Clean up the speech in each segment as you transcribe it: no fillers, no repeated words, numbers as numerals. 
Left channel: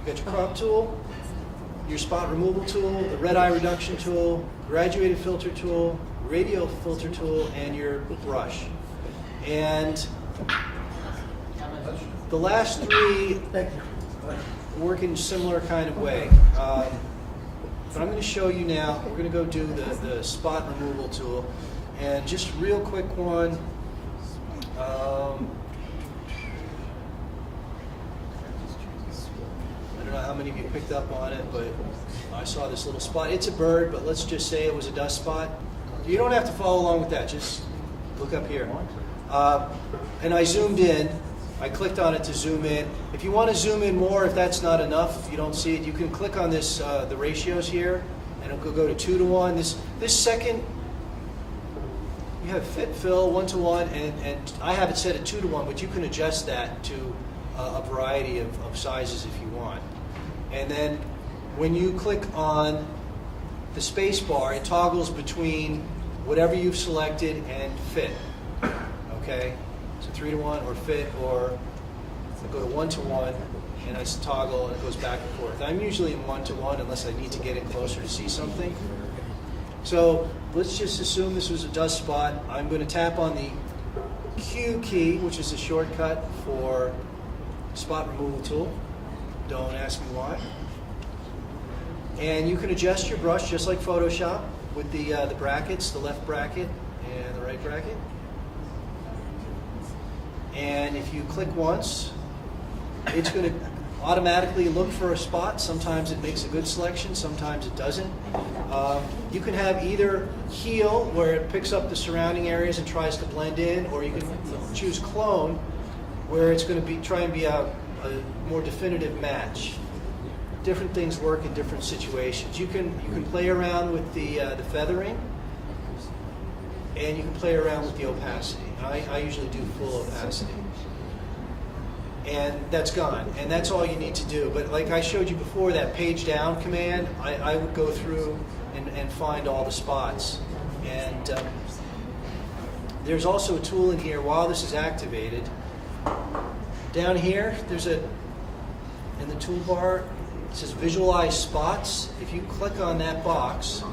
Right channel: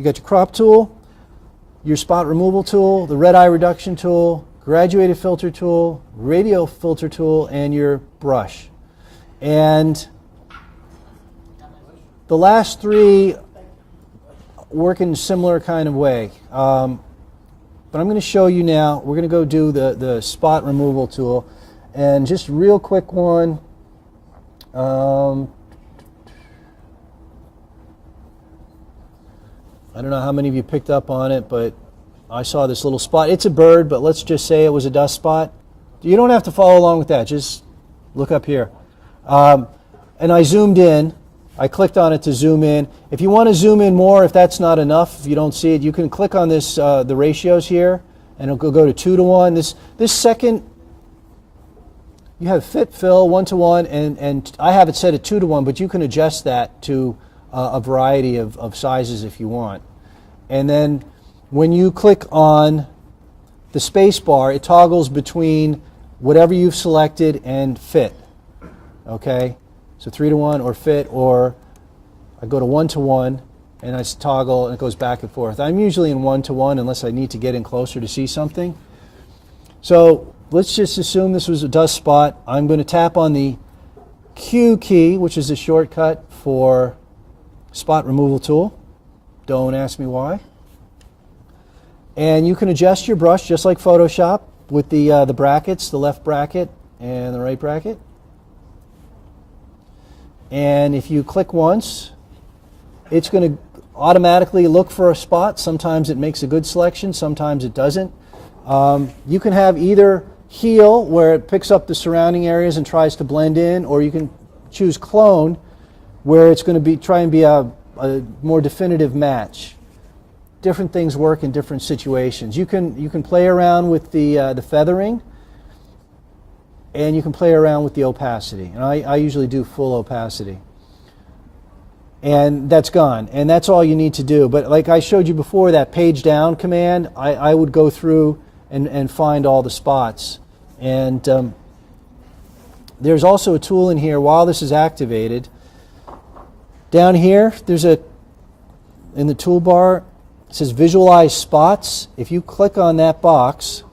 you got your crop tool, your spot removal tool, the red eye reduction tool, graduated filter tool, radial filter tool, and your brush. And the last three work in a similar kind of way. But I'm going to show you now, we're going to go do the spot removal tool. And just real quick one. I don't know how many of you picked up on it, but I saw this little spot. It's a bird, but let's just say it was a dust spot. You don't have to follow along with that. Just look up here. And I zoomed in. I clicked on it to zoom in. If you want to zoom in more, if that's not enough, if you don't see it, you can click on this, the ratios here, and it'll go to 2 to 1. This second, you have fit, fill, 1 to 1, and I have it set at 2 to 1, but you can adjust that to a variety of sizes if you want. And then when you click on the space bar, it toggles between whatever you've selected and fit. Okay? So 3 to 1 or fit, or I go to 1 to 1 and I toggle and it goes back and forth. I'm usually in 1 to 1 unless I need to get in closer to see something. So let's just assume this was a dust spot. I'm going to tap on the Q key, which is a shortcut for spot removal tool. Don't ask me why. And you can adjust your brush just like Photoshop with the brackets, the left bracket and the right bracket. And if you click once, it's going to automatically look for a spot. Sometimes it makes a good selection, sometimes it doesn't. You can have either heal, where it picks up the surrounding areas and tries to blend in, or you can choose clone, where it's going to try and be a more definitive match. Different things work in different situations. You can play around with the feathering, and you can play around with the opacity. I usually do full opacity. And that's gone. And that's all you need to do. But like I showed you before, that page down command, I would go through and find all the spots. And there's also a tool in here while this is activated. Down here, there's in the toolbar, it says visualize spots. If you click on that box,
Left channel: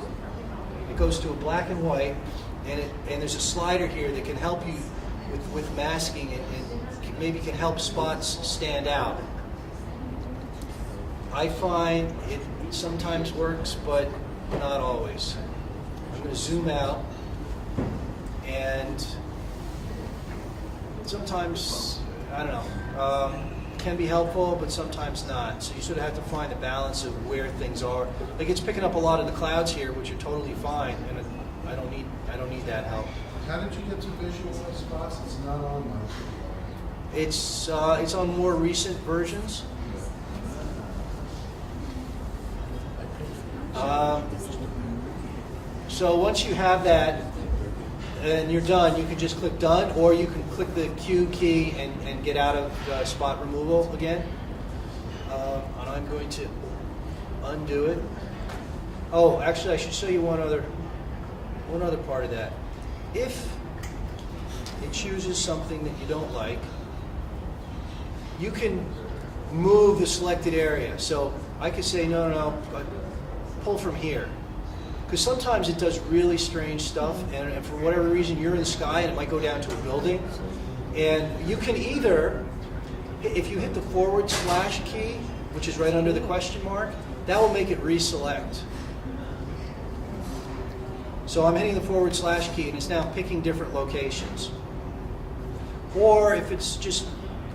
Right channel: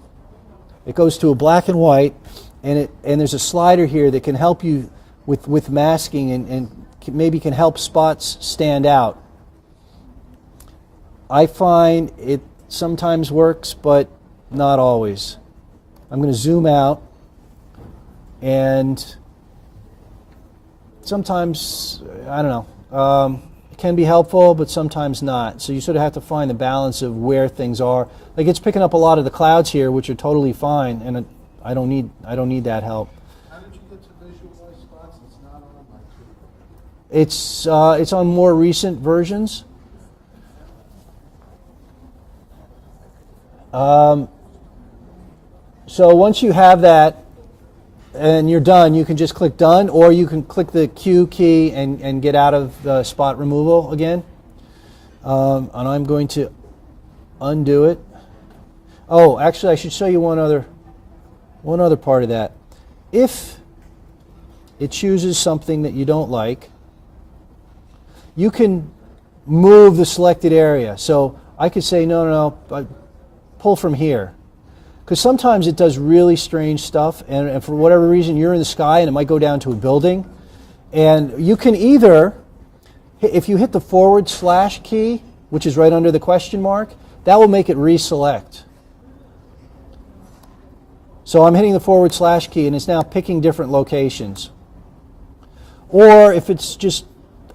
it goes to a black and white. And there's a slider here that can help you with masking and maybe can help spots stand out. I find it sometimes works, but not always. I'm going to zoom out, and sometimes, I don't know, can be helpful, but sometimes not. So you sort of have to find the balance of where things are. Like it's picking up a lot of the clouds here, which are totally fine, and I don't need that help. How did you get to visualize spots? It's not on It's on more recent versions. So once you have that and you're done, you can just click done, or you can click the Q key and get out of the spot removal again. And I'm going to undo it. Oh, actually, I should show you one other part of that. If it chooses something that you don't like, you can move the selected area. So I could say, no, pull from here. Because sometimes it does really strange stuff, and for whatever reason, you're in the sky and it might go down to a building. And you can either, if you hit the / key, which is right under the question mark, that will make it reselect. So I'm hitting the / key and it's now picking different locations. Or if it's just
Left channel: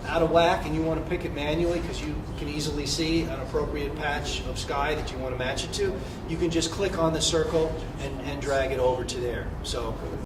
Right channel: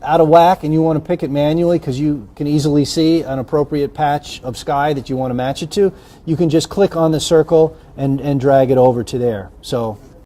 out of whack and you want to pick it manually because you can easily see an appropriate patch of sky that you want to match it to, you can just click on the circle and drag it over to there. So